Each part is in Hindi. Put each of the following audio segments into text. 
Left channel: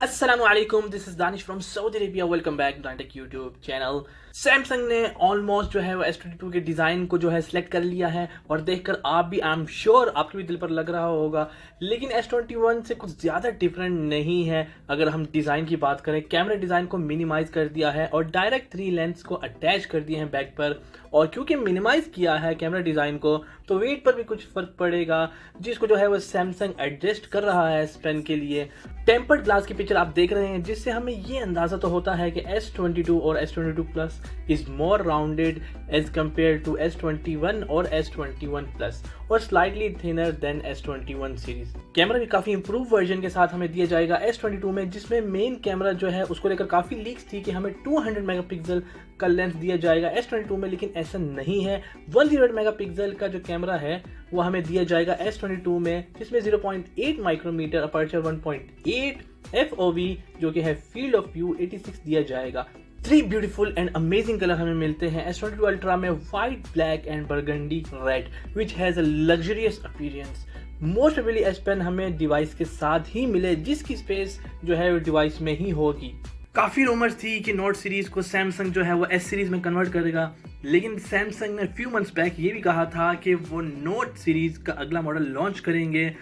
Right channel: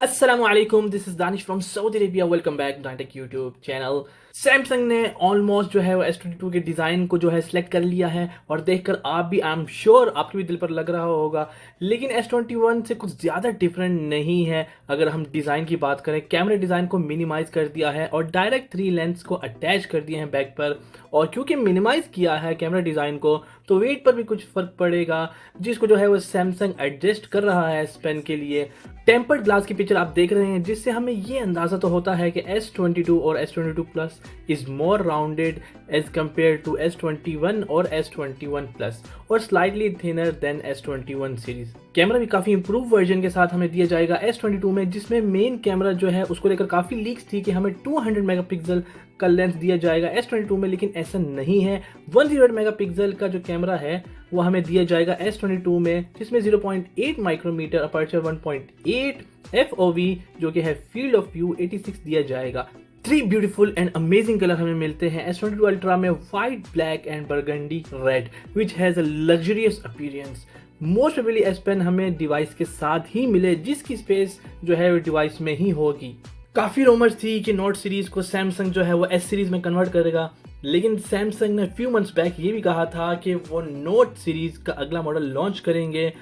अस्सलामुअलैकुम, this is Danish from Saudi Arabia. Welcome back to tech YouTube channel. Samsung ने ऑलमोस्ट जो है वो S22 के डिज़ाइन को जो है सिलेक्ट कर लिया है और देखकर आप भी आई एम श्योर आपके भी दिल पर लग रहा होगा। लेकिन S21 से कुछ ज़्यादा डिफरेंट नहीं है। अगर हम डिज़ाइन की बात करें, कैमरा डिज़ाइन को मिनिमाइज कर दिया है और डायरेक्ट 3 लेंस को अटैच कर दिए हैं बैक पर। और क्योंकि मिनिमाइज किया है कैमरा डिज़ाइन को, तो वेट पर भी कुछ फ़र्क पड़ेगा, जिसको जो है वो सैमसंग एडजस्ट कर रहा है इस पेन के लिए। टेम्पर्ड ग्लास की पिक्चर आप देख रहे हैं, जिससे हमें ये अंदाज़ा तो होता है कि S22 और S22 plus is more rounded as compare to S21 और S21 प्लस और slightly thinner than S21 series. Camera भी काफ़ी इंप्रूव वर्जन के साथ हमें दिया जाएगा S22 में, जिसमें मेन कैमरा जो है उसको लेकर काफ़ी लीक्स थी कि हमें 200 मेगापिक्सल का लेंस दिया जाएगा S22 में, लेकिन ऐसा नहीं है। 108 मेगापिक्सल का जो कैमरा है वो हमें दिया जाएगा S22 में, जिसमें 0.8 माइक्रोमीटर अपर्चर, 1.8 FOV जो कि है फील्ड ऑफ व्यू 86 दिया जाएगा। 3 ब्यूटीफुल एंड अमेजिंग कलर हमें मिलते हैं S22 अल्ट्रा में, white, black and burgundy red, which has a luxurious appearance. Most probably S pen हमें डिवाइस के साथ ही मिले, जिसकी स्पेस जो है वो डिवाइस में ही होगी। काफ़ी रूमर्स थी कि नोट सीरीज को सैमसंग जो है वो एस सीरीज में कन्वर्ट करेगा, लेकिन सैमसंग ने फ्यू मंथ्स बैक ये भी कहा था कि वो नोट सीरीज का अगला मॉडल लॉन्च करेंगे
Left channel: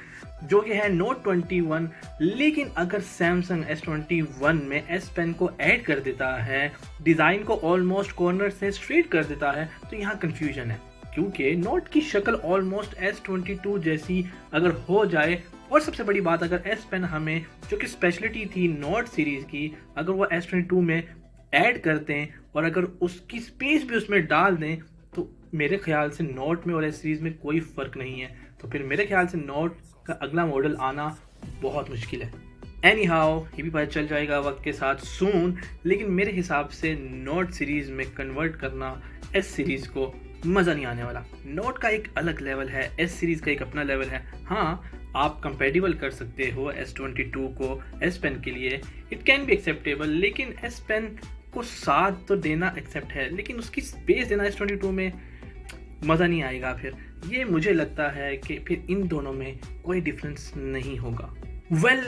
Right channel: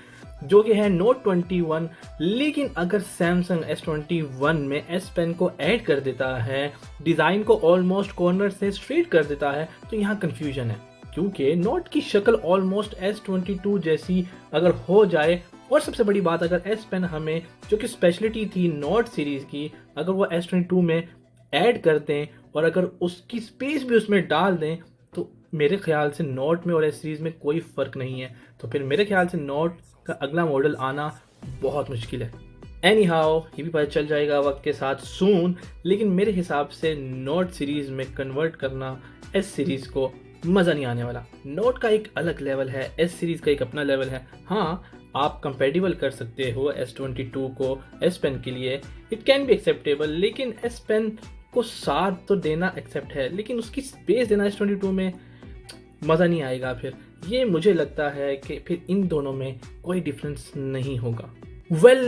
जो कि है नोट 21। लेकिन अगर सैमसंग S21 में एस पेन को ऐड कर देता है, डिज़ाइन को ऑलमोस्ट कॉर्नर से स्ट्रेट कर देता है, तो यहाँ कंफ्यूजन है, क्योंकि नोट की शक्ल ऑलमोस्ट S22 जैसी अगर हो जाए, और सबसे बड़ी बात, अगर एस पेन हमें जो कि स्पेशलिटी थी नोट सीरीज की, अगर वो S22 में ऐड कर दें और अगर उसकी स्पेस भी उसमें डाल दें, तो मेरे ख्याल से नोट में और एस सीरीज में कोई फ़र्क नहीं है। तो फिर मेरे ख्याल से नोट का अगला मॉडल आना बहुत मुश्किल है। एनी हाउ, ये भी पता चल जाएगा वक्त के साथ सून, लेकिन मेरे हिसाब से नोट सीरीज में कन्वर्ट करना एस सीरीज को मज़ा नहीं आने वाला। नोट का एक अलग लेवल है, एस सीरीज का एक अपना लेवल है। हाँ, आप कंपेटिबल कर सकते हो S22 को एस पेन के लिए, इट कैन बी एक्सेप्टेबल, लेकिन एस पेन को साथ तो देना एक्सेप्ट है, लेकिन उसकी स्पेस देना S22 में मज़ा नहीं आएगा। फिर ये मुझे लगता है कि फिर इन दोनों में कोई डिफरेंस नहीं होगा।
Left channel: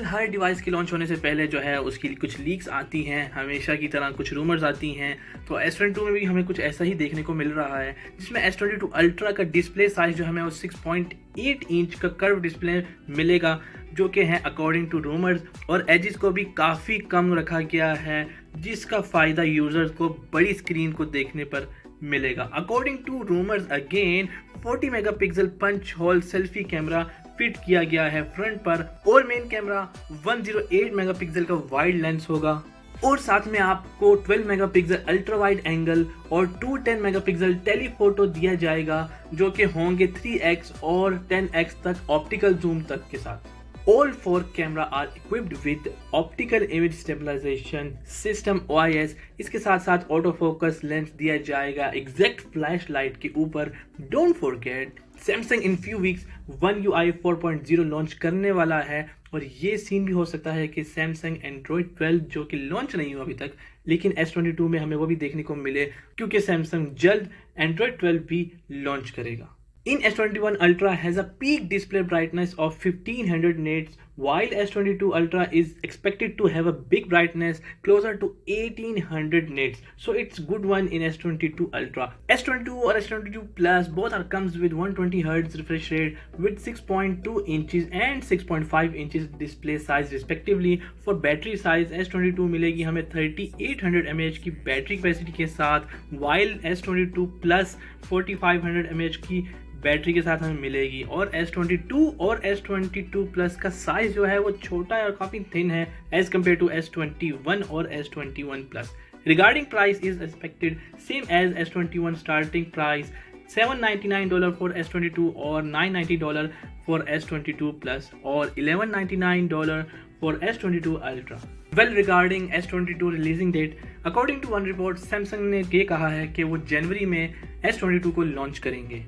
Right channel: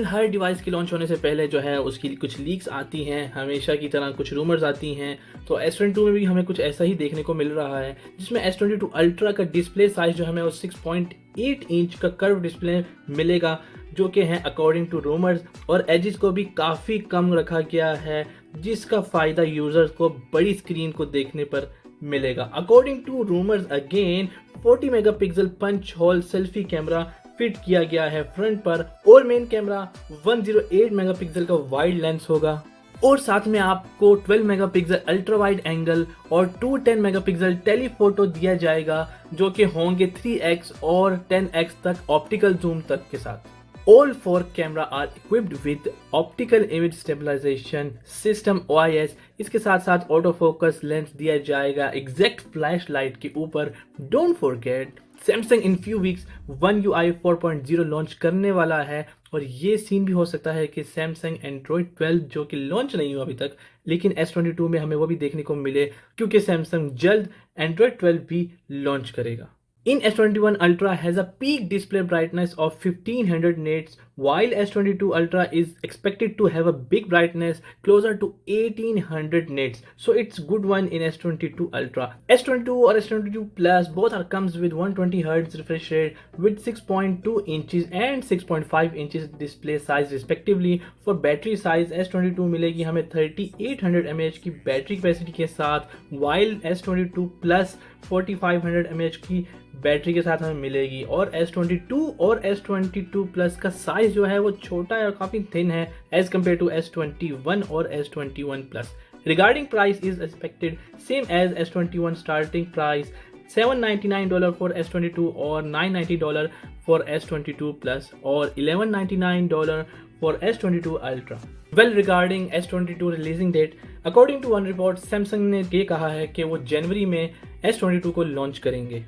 हर डिवाइस के लॉन्च होने से पहले जो है उसकी कुछ लीक्स आती हैं, हमेशा की तरह कुछ रूमर्स आती हैं। तो S22 में भी हमें कुछ ऐसा ही देखने को मिल रहा है, जिसमें S22 अल्ट्रा का डिस्प्ले साइज जो हमें वो 6.8 इंच का कर्व डिस्प्ले मिलेगा, जो कि है अकॉर्डिंग टू रूमर्स, और एजेस को भी काफ़ी कम रखा गया है, जिसका फ़ायदा यूज़र्स को बड़ी स्क्रीन को देखने पर मिलेगा। According to rumours again, 40 megapixel punch hole selfie camera fit किया गया है फ्रंट पर, और मेन कैमरा 108 मेगापिक्सल का वाइड लेंस होगा, और साथ में आपको 12 मेगापिक्सल अल्ट्रा वाइड एंगल और 210 मेगापिक्सल टेलीफोटो दिया जाएगा, जो कि होंगे 3x और 10x तक ऑप्टिकल जूम तक के साथ। All 4 camera are equipped with optical image stabilisation system OIS। इसके साथ साथ ऑटो फोकस लेंस दिया जाएगा एग्जैक्ट फ्लैश लाइट के ऊपर। Don't forget, Samsung in few weeks One UI 4.0 launch करने वाला है, और ये सीन भी हो सकता है कि सैमसंग एंड्रॉयड 12 जो कि लॉन्च नहीं हुआ अभी तक, लेकिन S22 में हमें वो भी देखने को मिले, क्योंकि सैमसंग जल्द एंड्रॉयड 12 भी लॉन्च करेगा। In S21 Ultra has a peak display brightness of 1500 nits, while S22 Ultra is expected to have a big brightness closer to 1800 nits. So it's good one in S22 Ultra. S22 or S22 Plus both are comes with 120Hz refresh rate with 6.2 inches and 6.5 inches display size respectively. For battery size, S22 मिलेगी हमें 3800 mAh की बैटरी कैपेसिटी के साथ, while S22 Plus 4500 mAh की बैटरी के साथ हमें मिलेगी। और S22 और S22 प्लस का साइज जो है वो छोटा है और काफ़ी थिन है एज कम्पेयर टू S21 और S21 plus. Regarding price is expected same as S21 starting price $799 for S22 और $990 फॉर S22 प्लस और $1199 for S22 ultra. Regarding S22 releasing date, according to one report, Samsung ने ये कहा है कि वो जनवरी में S22 को लॉन्च करेंगे।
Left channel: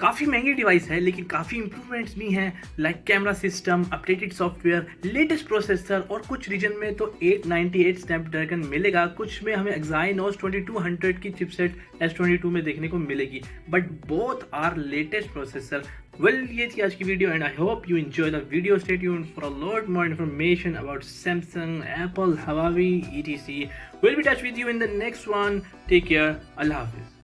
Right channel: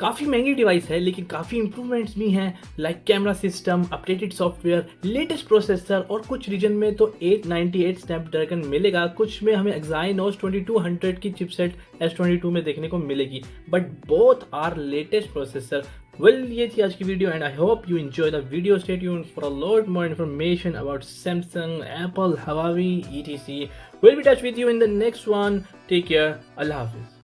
काफ़ी महंगी डिवाइस है, लेकिन काफ़ी इंप्रूवमेंट्स भी हैं, like camera system, updated software, latest processor, और कुछ रीजन में तो 898 स्नैपड्रैगन मिलेगा, कुछ में हमें एक्साइनोस 2200 की चिपसेट S22 में देखने को मिलेगी। But both are latest processor, Well, ये थी आज की video and I hope you enjoy the video. Stay tuned for a lot more information about Samsung, Apple, Huawei, etc. We'll be in touch with you in the next one. Take care. Allah Hafiz.